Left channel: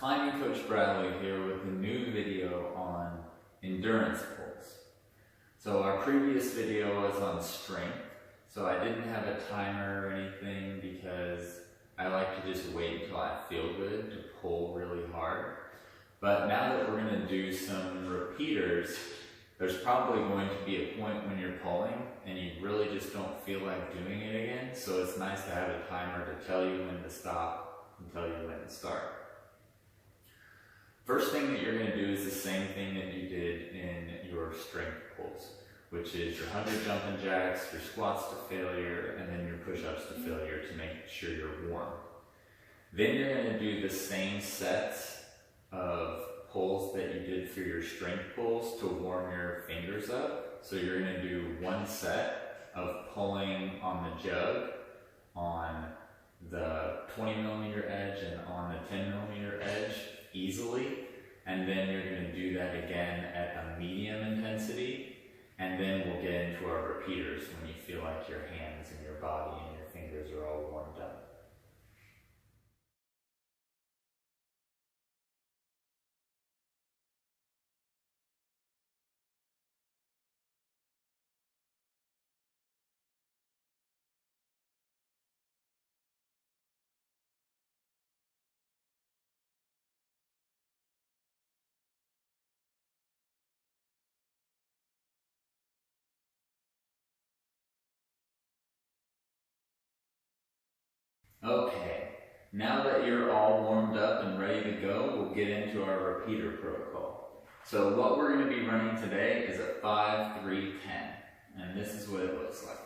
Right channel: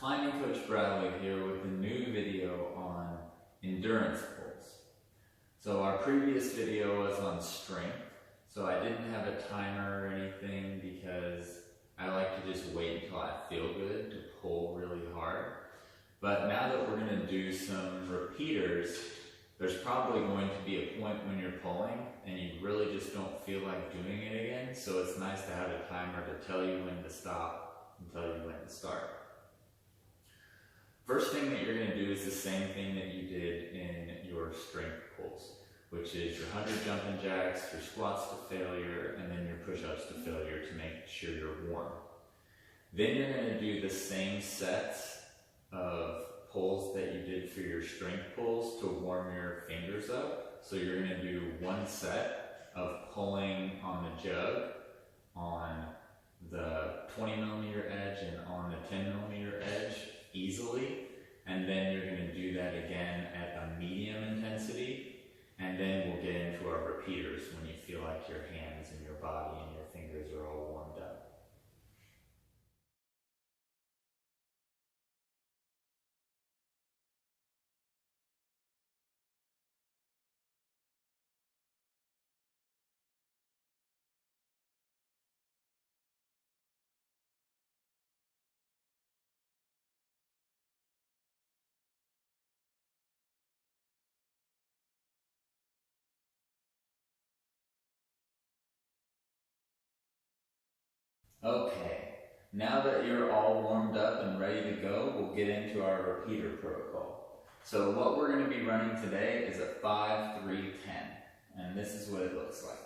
Climbing Coach Bradley here with a new video on endurance pulls. So our previous video was on strength, so I didn't have a timer or anything because I like to just wait until I feel good to pull really hard. But now that we're going to do some repeaters, there's probably going to be a point when you're pulling and you really just don't feel like doing it again, so it's nice to have a timer to tell you when to stop and tell you when to start. First thing that you're going to do is the same thing that you did in your strength pulls, which is your 100 jumping jacks, your squats to failure, and then your push-ups to failure to make sure you're warm. Then you're going to do the same sets of pulls that you did for your strength pulls to warm your fingers up. So you're going to do one set of pulling on the jug, on the 20mm edge, and on the 10mm edge easily, and then you're going to do that again at a medium intensity, and then we'll get into our repeaters when you feel like your hands and your body and your fingers are all warmed up. Okay, now that you're all warmed up and ready to go, we'll get into our repeater protocol. So what we're going to be running today is a 5-3-10, and this is what it looks like.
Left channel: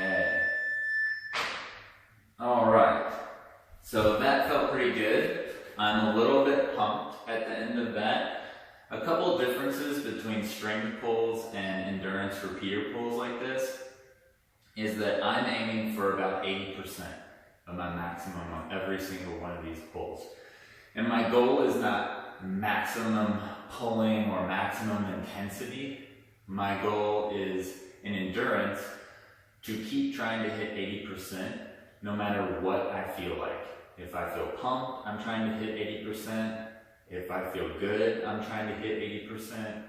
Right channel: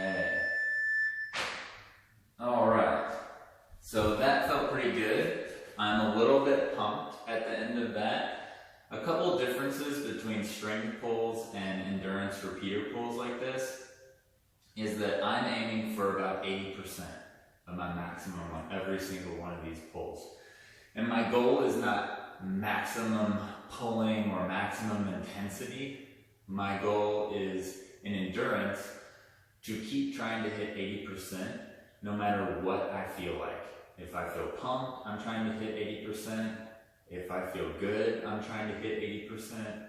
Okay. Alright, so that felt pretty good. I'm a little bit pumped at the end of that. A couple of differences between strength pulls and endurance repeater pulls like this is that I'm aiming for about 80% of my maximum on every single one of these pulls. And my goal is not maximum pulling or maximum intensity. My goal is in endurance to keep trying to hit 80% no matter what I feel like. If I feel pumped, I'm trying to hit 80%. If I feel good, I'm trying to hit 80%,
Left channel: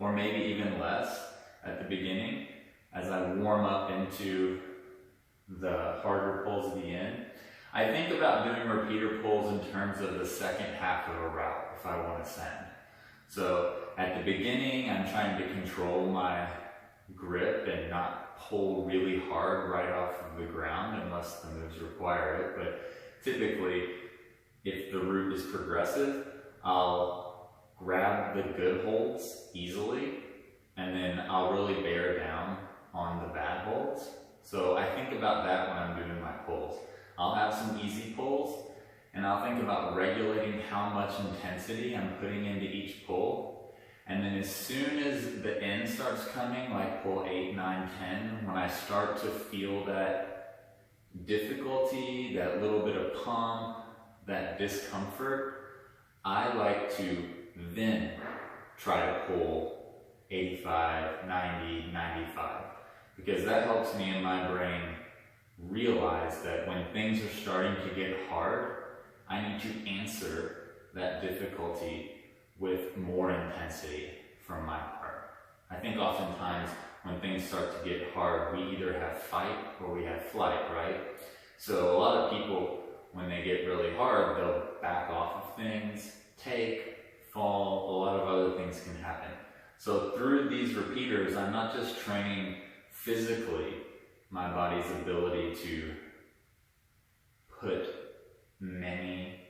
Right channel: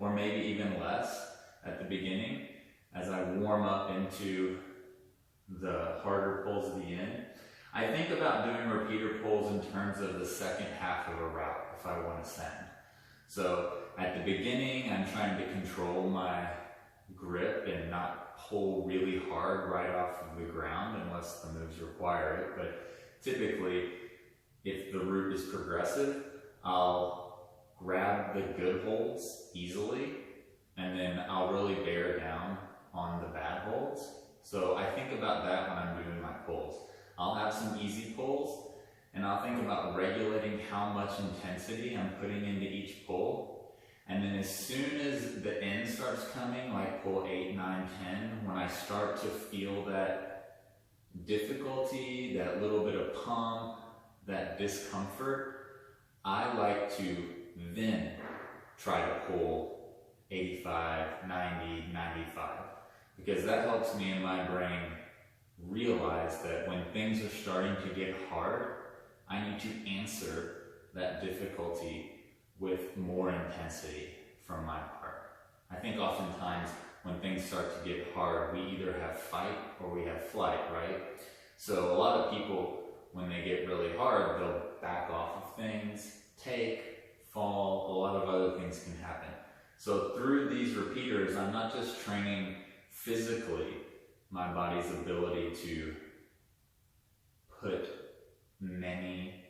or maybe even less at the beginning as I warm up into the harder pulls at the end. I think about doing repeater pulls in terms of the second half of a route if I want to send. So at the beginning, I'm trying to control my grip and not pull really hard right off of the ground unless the moves require it. But typically, if the route is progressive, I'll grab the good holds easily, and then I'll really bear down on the bad holds. So I think about that when I'm doing my pulls. I'll have some easy pulls, and I'll think about regulating how much intensity I'm putting into each pull. And then as soon as the end starts coming, like pull 8, 9, 10, when I start to feel that difficulty, that little bit of pump, that discomfort, I like to then try to pull 85, 90, 95. Because that helps me in my brain realize that when things are starting to get hard, I need to answer that difficulty with more intensity from my part. I think oftentimes when things start to get hard, we either have fight or we have flight, right? So a lot of people, when they get really hard, they'll back off of things, take, fall, a lot of other things can happen. So through these repeaters, I'm not just training physically my body's ability to put many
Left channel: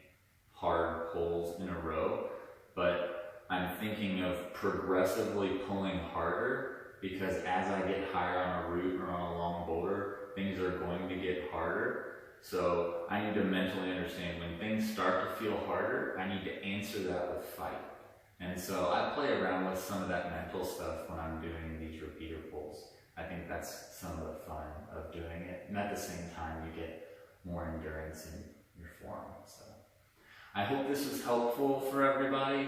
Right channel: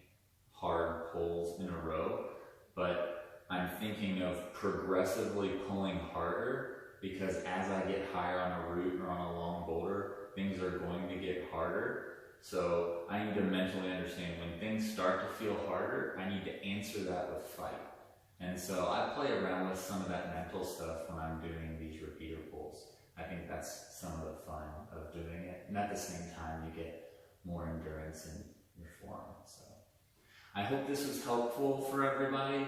hard pulls in a row, but I'm thinking of progressively pulling harder, because as I get higher on a route or on a long boulder, things are going to get harder. So I need to mentally understand when things start to feel harder, I need to answer that with fight. And so I play around with some of that mental stuff when I'm doing these repeater pulls. I think that's some of the fun of doing it. And at the same time, you get more endurance in your form. So I hope this was helpful for everybody.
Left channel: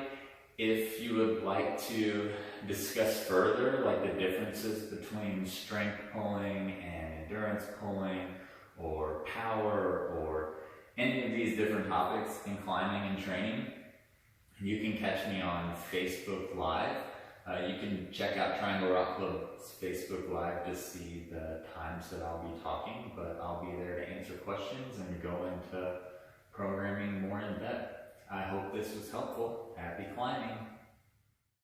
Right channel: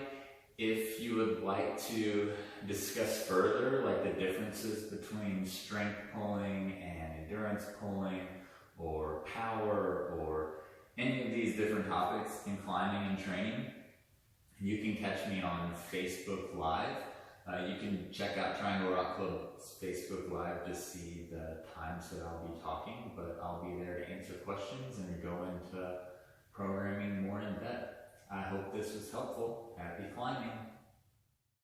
If you would like to discuss further, like the differences between strength pulling and endurance pulling, or power, or any of these different topics in climbing and training, you can catch me on Facebook Live. You can check out Triangle Rock Club's Facebook Live to see the times that I'll be talking, but I'll be there to answer questions and go into programming more in depth. I hope this was helpful. Happy climbing!